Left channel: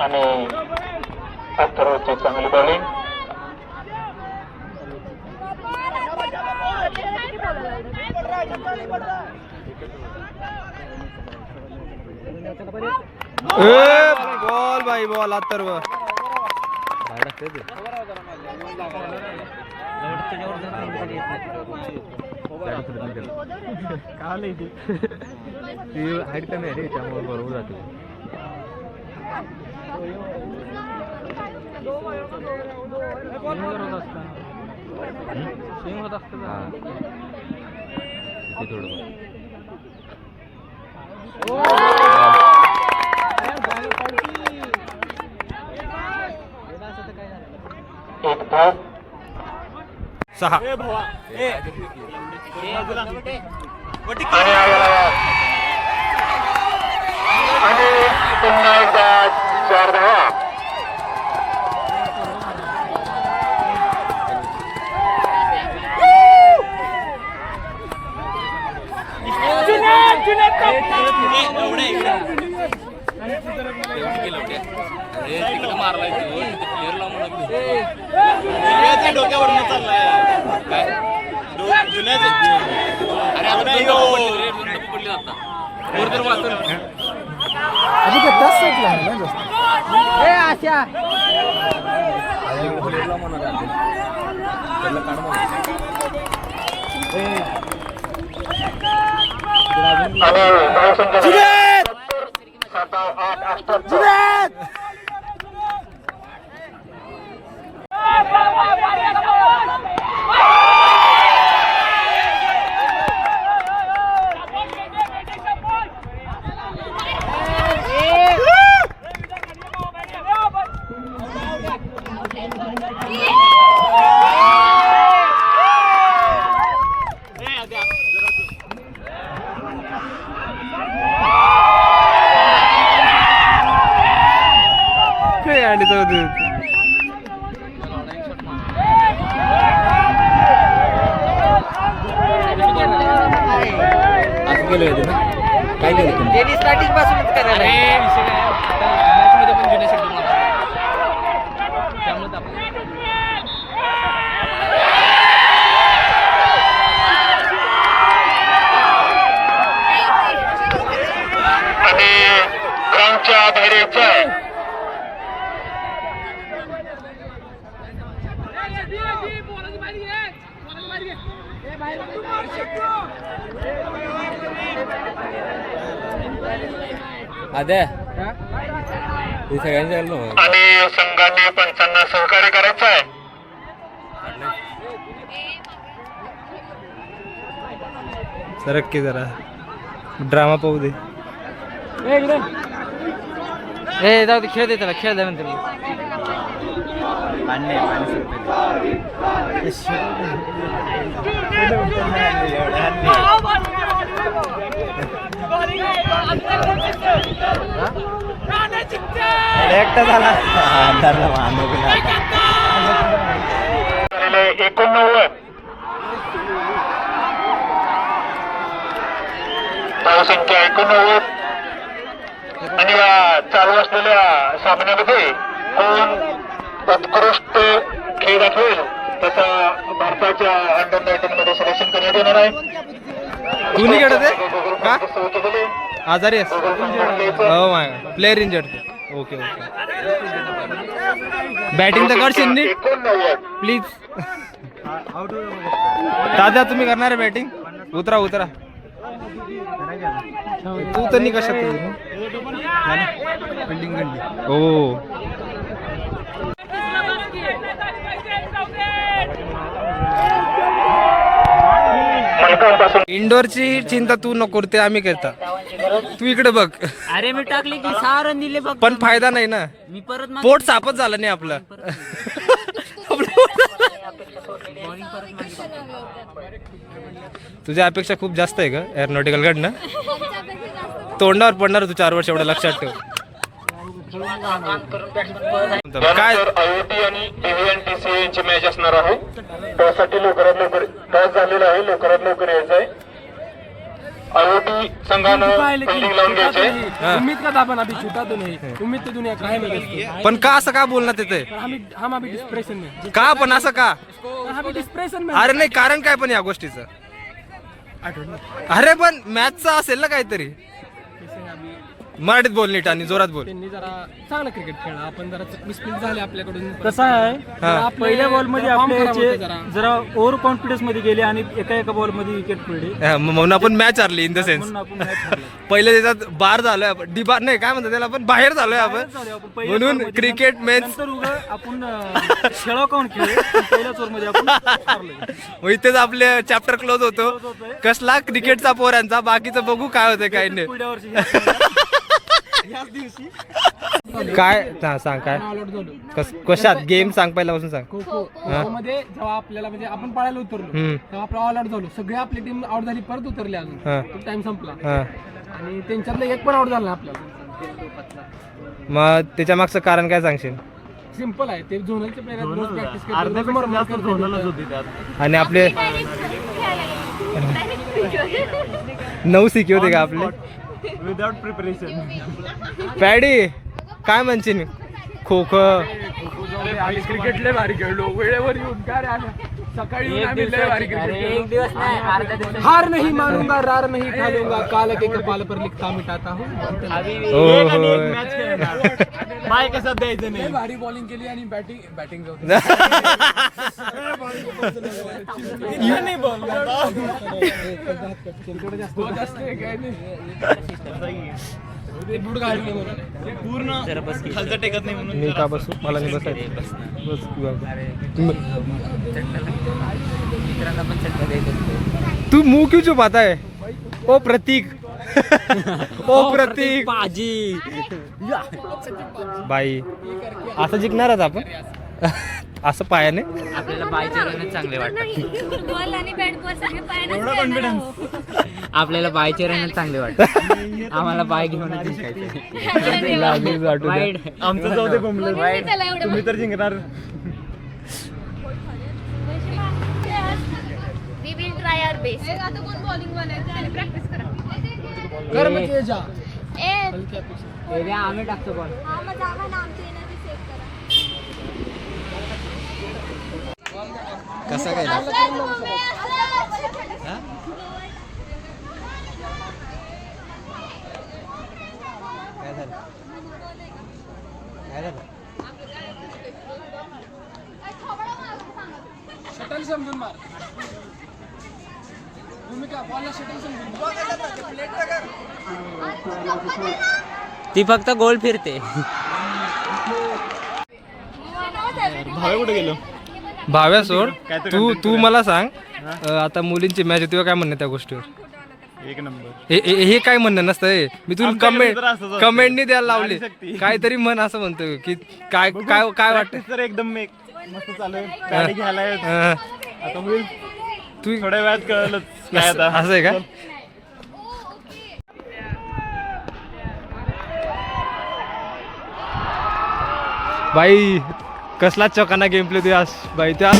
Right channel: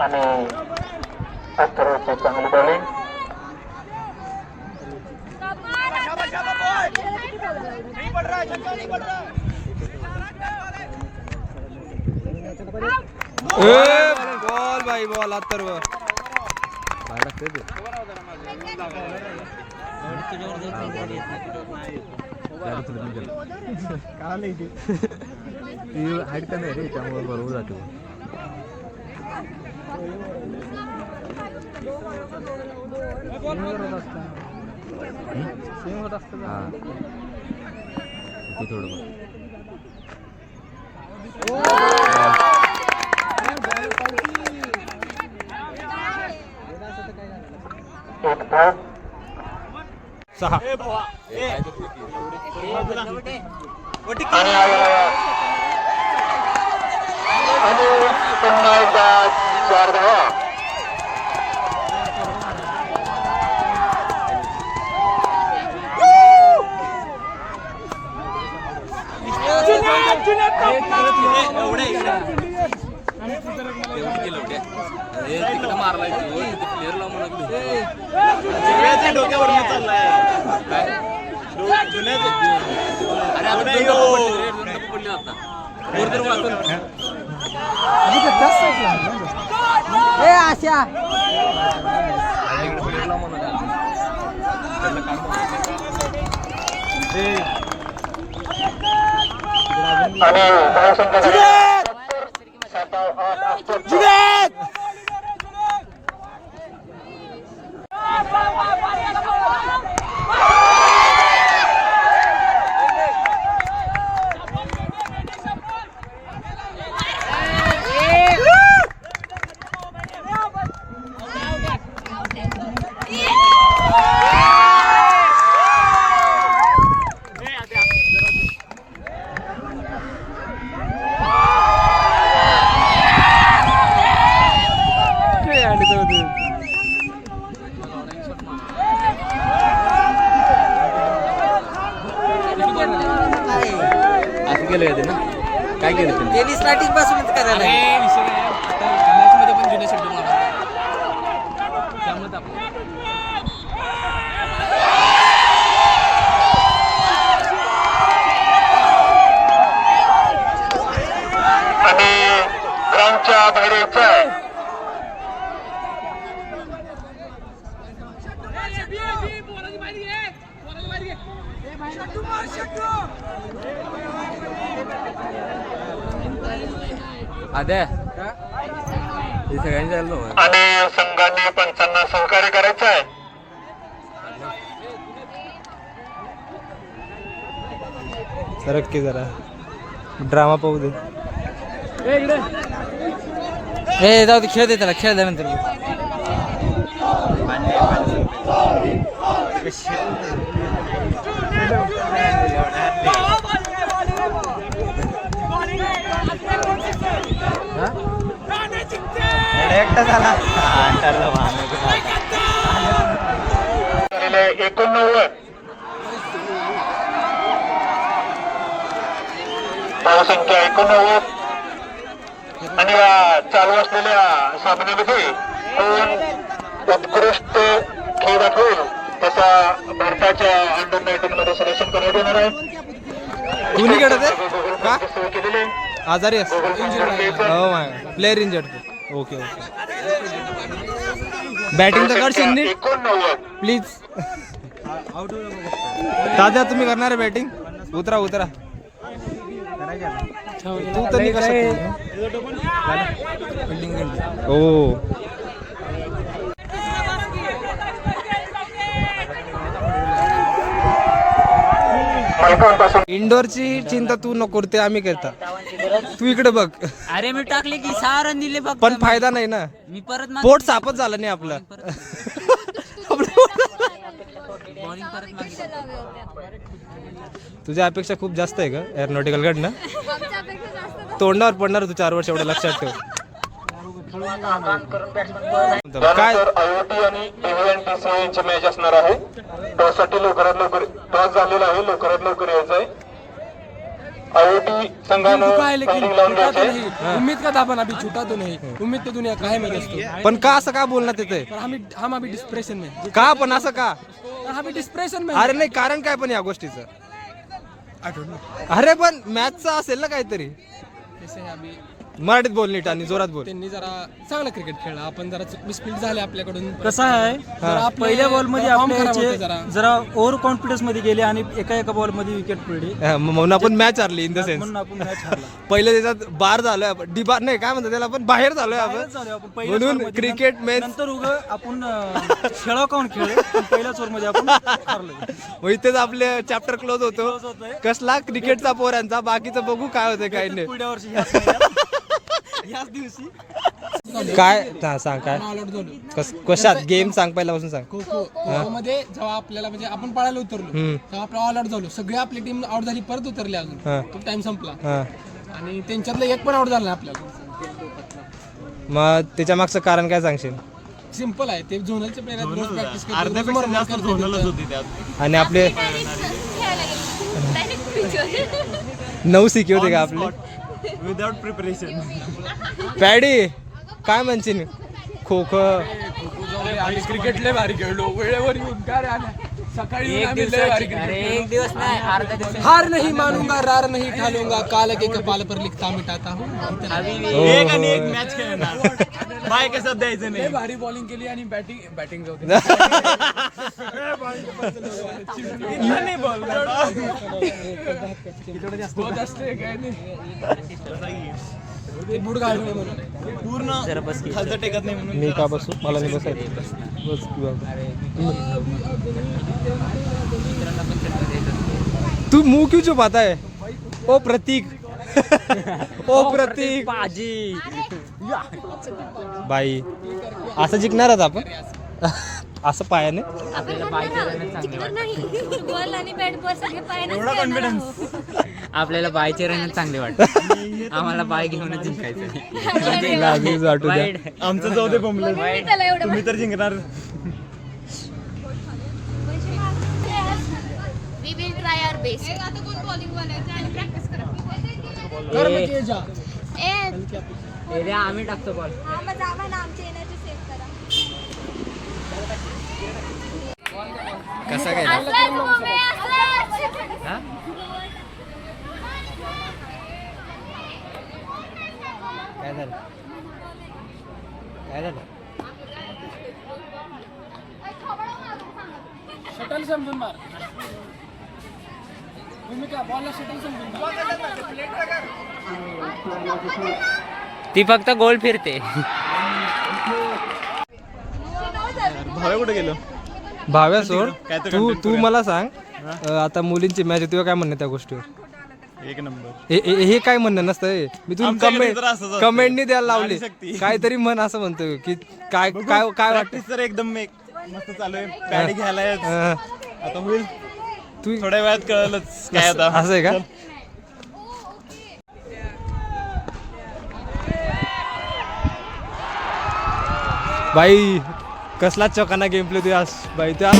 आणि अथर्वची चांगली bowling. Ball भाई बॉल अथर्व. हाईट कमी आहे रे त्यामुळे बरोबर जाते. होत असत थोडं. 6 आणि पुन्हा एकदा 4 धावा. तिकडे मारलाय प्लेअर लावून डोक्यावर चाललाय काय पडली आता काय केलं टेनिस लाटीच पासूनच करायला आणि ग्राउंडच्या बाहेर यायचंय. आणि संघाने पंचांना सहकार्य करायचं आहे. सरक की जरा ड्रामा पाहू दे. जाऊ दे खेळ दे त्याला खेळ दे नंतर एकटा झाला 89 धावसंख्या 89. आणि या चालू असलेल्या सामन्यामध्ये उत्कृष्ट खेळ दाखवेल त्याचा भारताच्या अंडर 19 मध्ये सिलेक्शन करण्यात येणार आहे. दोन्ही खेळत आहे का केलेले आजारी आहे. हो my player injured. Okay okay batting तर करशील नी 89. प्लीज. दादा तुम्ही करणार आहे बॅटिंग. उतरा उतरा तू तर नाही कशात हो. इंडोरची चिंता तू नको ते आम्ही करता. तू इकडे बघ. अरे मी टाकले की 6 रन दिले बघ पण फायदा नाही ना. मी परत पोट सापच झालं नाही आपलं. बॉलिंग परत तुझ्या अपेक्षा खूप जास्त आहे का एअरोनॉटिकल कडनं. तोंडावर पडणार तू 4 वर्ष एवढं लक्षात ठेव. काय आयओटी आणि DVNTC यांची मॅच असणार आहे. त्यासाठी लवकरात लवकर टॉस झालेला आहे. लवकरात लवकर यायचं आहे. IOT संघानं फंडिंग लावून घ्यायचे. उम्मीद का दाबन अभी छूटा तो नहीं, उम्मीद तो दुनिया का है मेरे दोस्तों। पण का असं का बोलणार तिथे हम अभी डिस्प्रेशन में, का पण असं का? अभी डिस्प्रेशन में। अरे नाही कारण काय पण या गोष्टीचं? अरे पण मॅचचं असेल ना काहीतरी. जैसे अभी मराठीत बोल नीट आणि जोरात बोल. त्यांनी जरा चांगला क्रिकेट खेळला, आपण जरा मिसफील्ड झाले आपल्याकडून. कसं आहे पहिल्या बॉल मध्ये आपल्या याचे जरा ओव्हर कॉन्फिडन्स मध्ये गेले आणि एका बॉल मध्ये विकेट पडली म्हणून आपण मॅच हारली इन द सेन्स. म्हणून आपण मॅच हरला. पहिले त्याच्यात बार झालोय आपण, डिबार नाही काय म्हणतात त्याला, आपण बाहेर झालोय आपण. म्हणून क्रिकेट मॅच नंतर उगा आपण खेळा कोण खेळ पहिल्याच ओव्हर मध्ये आपण हरलो. मग इथेच आपले चॅप्टर क्लोज होतो. कसला क्रिकेटचा पोरांचा, बाकीचं बघू काय होतं काय नाही. पुढच्या वर्षी याच दिवशी काय सांग काय कशात गेम सांग, पहिल्यापासून सांग. खो खो मध्ये जेव्हा आपल्याला म्हणजे आपण पळायला उतरलो तेव्हा आपण ऑल आउट झालो. सगळे आपली टीम आउट झाली, परत उतरली अजून. तो टाइम संपला आणि त्यांच्यातलं एक पण आउट झाला नाही आपल्याला. मग त्याच्या मागचं कारण काय सांगशील? सिंपल आहे, ते झोनलचे प्लेयर प्रॅक्टिस करतात आणि आपले 9 सिके होते का आपले विदाउट प्रिपरेशन. पॅडी काय म्हणशील? खो खो क्रिकेट लय भारी खेळलो, वेळेवर येऊन काय राहिलं सकाळी येऊन आम्ही लय भारी cricket खेळलो. एक दिवस नाही अर्धा दिवस. हार नहीं मानूंगा, रार नहीं ठालूंगा, काल के कपाल पर लिखता मिटाता हूँ. मॅच खेळणार बाय कसं द्यायचं लय भारी बॉलिंग केली आणि बॅटिंग मी का बसू, मला नाही बसायचं. बस की बाबा. तू मुंह क्यों छुपाता है? ओ प्रतीक ओ प्रतीक बाजी बाई असं जिंकणार आहोत आपण. असं पायाने आपल्याला बायचे रन चांगले वाटतात. आपल्याला बायचे रन चांगले वाटतात. आम्हाला बाय घेऊनच जिंकायचं. लागलीच वाटू द्या. आमचं जाऊ दे बोंबलं. तुम्ही तर जिंकणार. We will try our best. आता कोण बॉलिंग वालायचं आणि प्रॅक्टिस करा. आम्ही टाकतो बॉल. हा मग जावा ना, आमची एनर्जी सेव्ह करा. कसा गेला? शटल समजून मार. तुम्ही काय बॉलला शटल समजून ती फक्त गोल फिरते. भावे कुठे गेलो? भाव्या सोड. तू मला सांग, आता मुलींची मॅच होती काय म्हणणं त्या गोष्टीवर? एक नंबर. हे काय म्हणणं नसतं. मी तुला कमेंटनी द्यायला लावली. काहीतरी म्हण असं म्हणतो की काय काय काय वाटतं? तर एकदम मस्त चालू आहे. गाडी घ्यायला आता होईल तू थोड्या वेळात कळलंच काय आता. असं आहे का? बाई कसला चौकाना गेम प्ले तू आज बाई त्या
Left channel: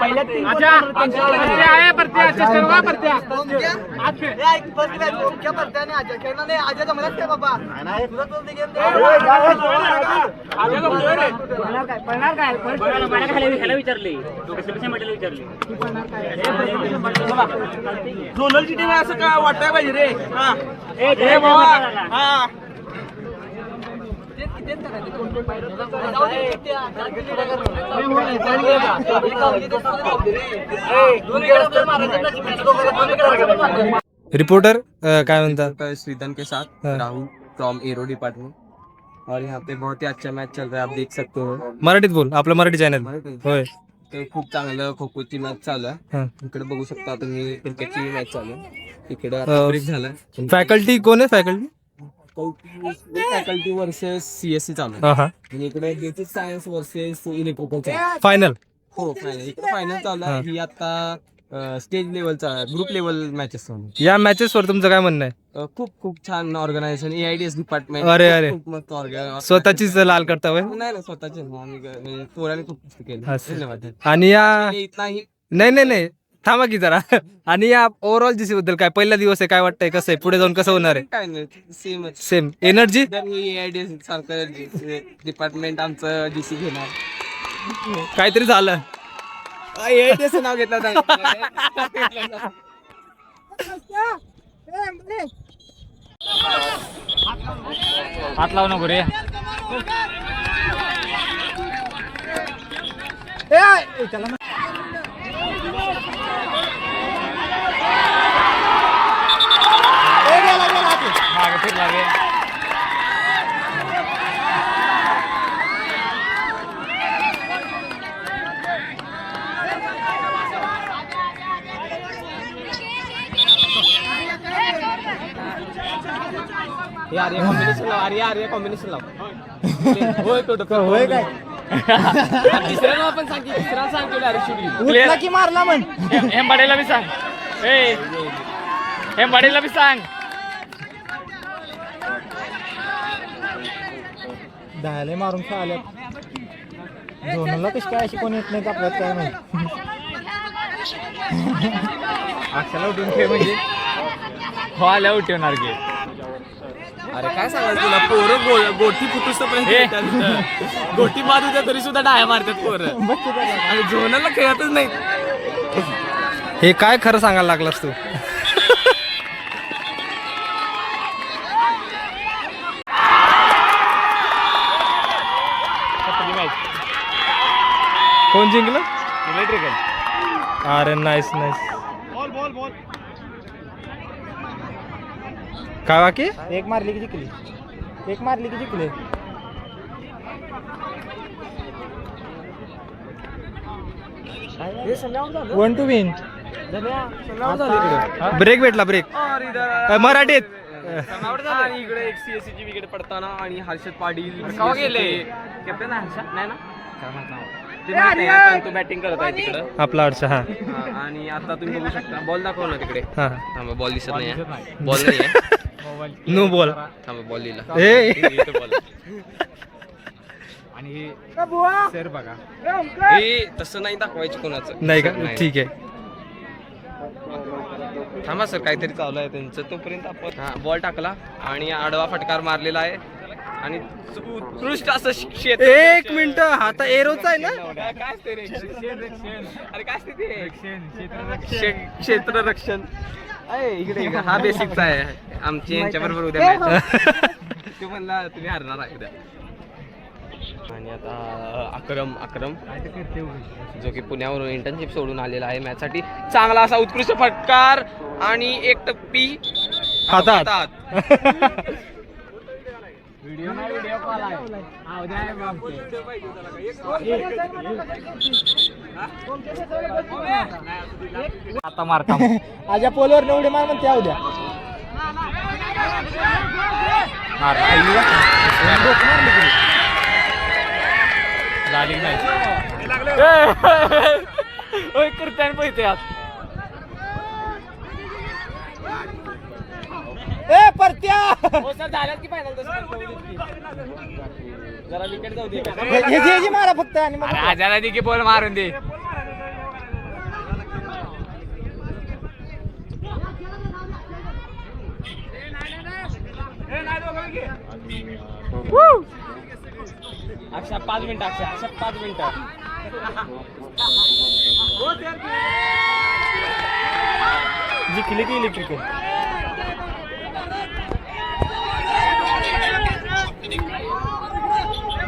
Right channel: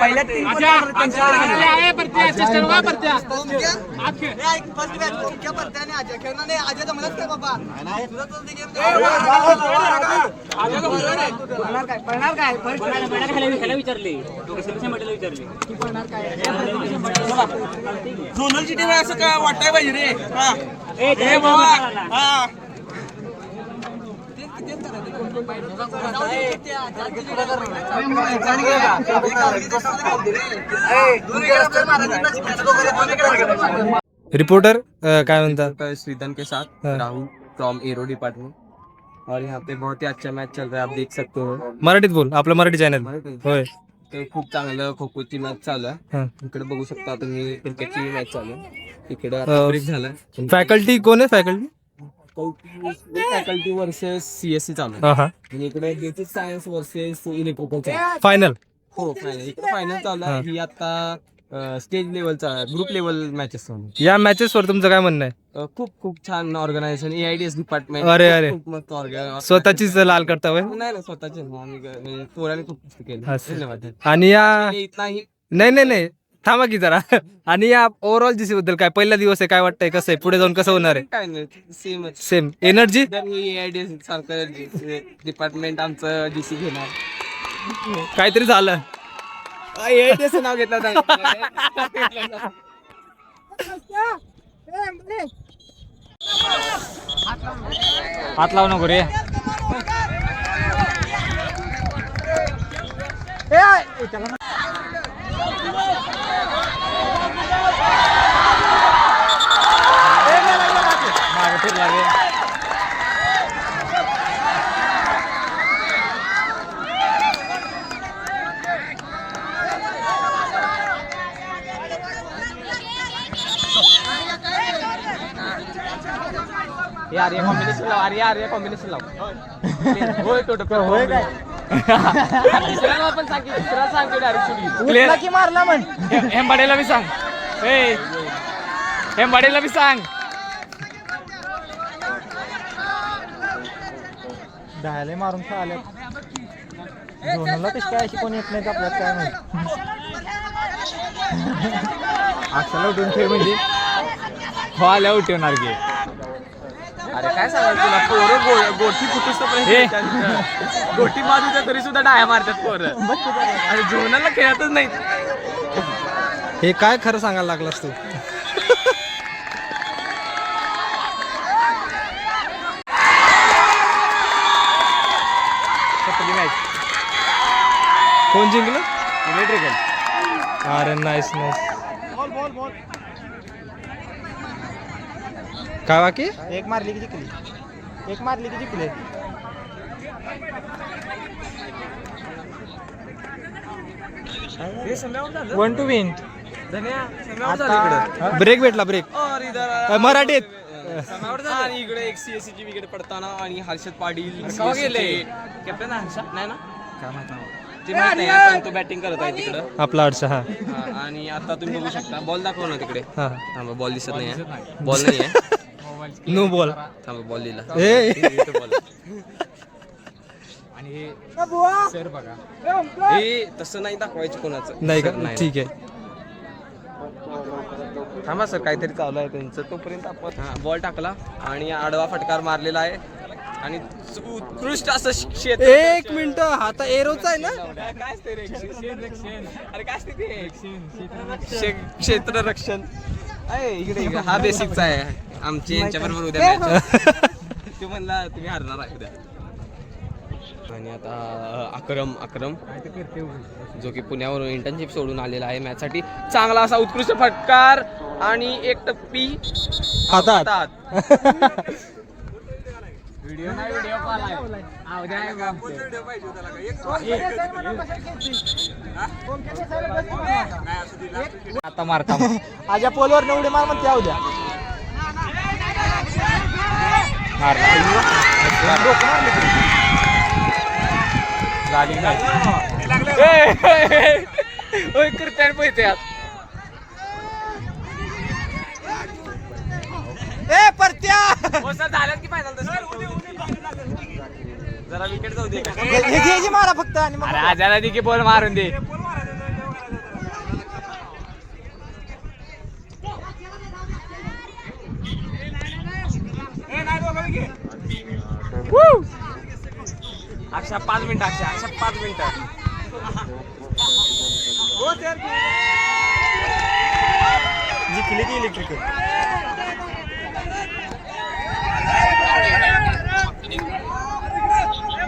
पहिल्या तीन झोनलची टीम असं काय वाटाय पाहिजे रे. रिपोर्टर काय म्हणतात? श्रीधन के साथ राहुल फ्रॉम एरो डिपार्टमेंट और यहाँ पे बहुत ही अच्छा मैच चल रहा है, आप देख सकते हो. मराठीत बोल, आपलं मराठी चॅनल. होय. ते खूप चांगलं खो खोची मॅच चालू आहे. हा. इकडे बघू शकता तुम्ही क्रिकेटची मॅच चालू आहे. इकडे आता ब्रेक झालाय. फॅकल्टी कोण आहे? फॅकल्टी फॅकल्टी वर्सेस सीएससी चालू आहे. आणि इकडे basic science versus electrical final. हो फायनल. इकडे फायनल चालू आहे. ही आता स्टेज लेवलचा ग्रुप लेवल मॅचेस चालू आहे. या मॅचेस वर तुमचं काय म्हणणं आहे? खूप खूप छान ऑर्गनायझेशन एआयडीएस डिपार्टमेंट. अरे. खूप मस्त ऑर्गनायझेशन. स्वतःचीच लाल करता होय? नाही स्वतःचे आम्ही पोराने खूप मस्त केलं. असं. धन्यवाद. आणि या इथलाही नाही थांबा की जरा. आणि या ओव्हरऑल जीसी बद्दल काय पहिला दिवस आहे, काय वाटतंय, कसं आहे, पुढे जाऊन कसं होणार आहे? काय नाही सेमच. Same energy. एआयडीएस सारखं डिपार्टमेंट आमचं जीसी घेणार. काहीतरी झालं. एआयडीएस नाव घेतलं हात लावू नको रे. कॉम्बिनेशन लाव. होय तो होय काय हेंबाडेला बी सांग. हेंबाडेला बी सांग. दहाला मारून खेळाल्या झोनला कशी काय अशी कोणी येत नाही आपल्यात काय नाही. अक्षाला उठून खेळ म्हणजे व्हायला उठवणार गे. अरे काय सांगायचं तुला, पोरं गोटी फुटूस गोटी मारू द्या तरी सुद्धा डाया मारतात पोरं. आणि जीवनाला खेळतच नाही. हे काय खरं सांगायला लागलास तू? कोण जिंकलं? इलेक्ट्रिकल. अरे नाईस. काय बाकी? एक मारली की जिंकली. 1 to win. ब्रेक भेटला. मराठीत. आणि इकडे एक सीएससी ची विकेट पडताना आणि हर्षद पाटील गेले? कॅप्टन हर्षद नाही ना ते माहित नाही आहे, पण तो बॅटिंग करत आहे तिकडं. आपला अडसा. हा. आणि आता तुम्ही बघू शकता बॉल दाखव ना तिकडे. हा. थांबा बॉल दिसत नाही. बॉल नाही आहे. No ball. थांबा बॉल लिहिला. सर बघा. हे तसं नाही दाखवायचं कोणाचं. नाही का? ठीक आहे. थांबा सर काहीतरी चालू आहे त्यांचं. तोपर्यंत आपण बॉल टाकला आणि आडवा फटकार मारलेला आहे आणि उत्कृष्ट असं क्षेत्र. 1 मिनिट. हाता एरोचा आहे ना? काय असते रे? अरे काय असते ते? क्षेत्ररक्षण. इकडे हा बेसिकचा आहे. आमची यांच्याबरोबर उद्या match. तू म्हणला तुम्ही हरणार आहे उद्या. आणि आता अक्रम जो की पुण्यावरून इंटर्नशिप सोडून आलेला आहे मॅचसाठी. चांगला असा उत्कृष्ट फटकार आणि एक टप्पी हातात. व्हिडिओ कॉल आहे. आता मारता आज या पोलवर उडी मार म्हणते उद्या. झाली नाही. कीर्तन पैसे परत्या झाल्यात की फायनल. जरा विकेट जाऊ दे. मारा फक्त आणि मग आजारा की बॉल मारून दे. अक्षा 5 मिनिटं अक्षा 5 मिनिटं. जिंकली की इलेक्ट्रिकल.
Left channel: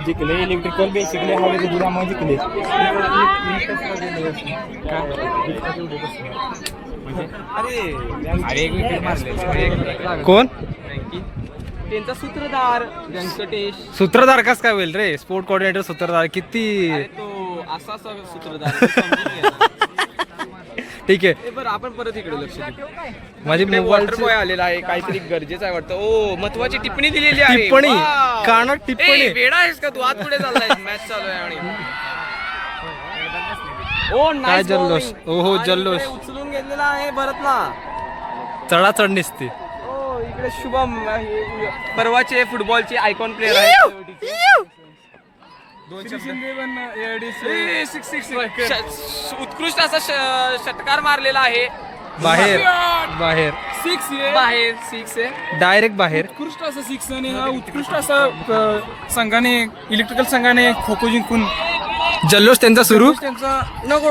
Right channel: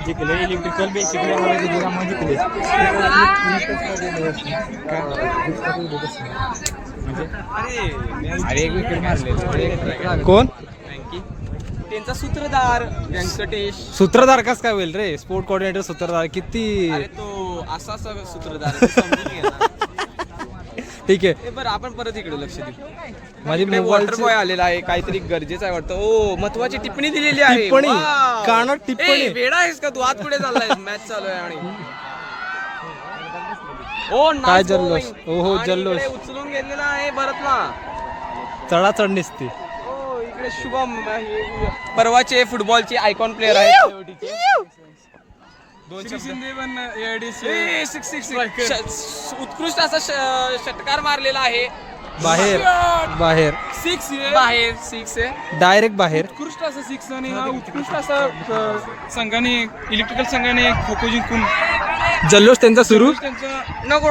जिंकले इलेक्ट्रिकल बेसिकली आम्हाला जिंकले. अरे एक विकेट मारले. कोण त्यांचा सूत्रधार व्यंकटेश. सूत्रधार कस काय होईल रे? स्पोर्ट कोऑर्डिनेटर सूत्रधार किती. अरे तो असा सूत्रधार आहे, समजून घे ना. ठीक आहे. ए बरं आपण परत इकडे लक्ष देऊ. माझी मोबाईल बॉय आलेला आहे, काहीतरी गरजेचं आहे वाटतं. ओ महत्वाची टिप्पणी दिलेली आहे. टिप्पणी वाव. कानात टिप्पणी. ए, वेडा आहेस का तू? आत पुढे चाललाय, मॅच चालू आहे आणि ओ nice काय जल्लोष. bowling. ओहो, आणि जल्लोष. इकडे उचलून घेतलेला आहे भरत ना. चढाचढ निसते. ओ इकडे शुभम हे परवाचे फुटबॉलचे आयकॉन प्लेअर आहेत. उत्कृष्ट असा षटकार मारलेला आहे. बाहेर बाहेर बाहेर 6 आहे. डायरेक्ट बाहेर. उत्कृष्ट असं 6 आणि उत्कृष्ट असं संघाने इलेक्ट्रिकल संघाने खो खो जिंकून जल्लोष त्यांचा सुरू. त्यांचा नको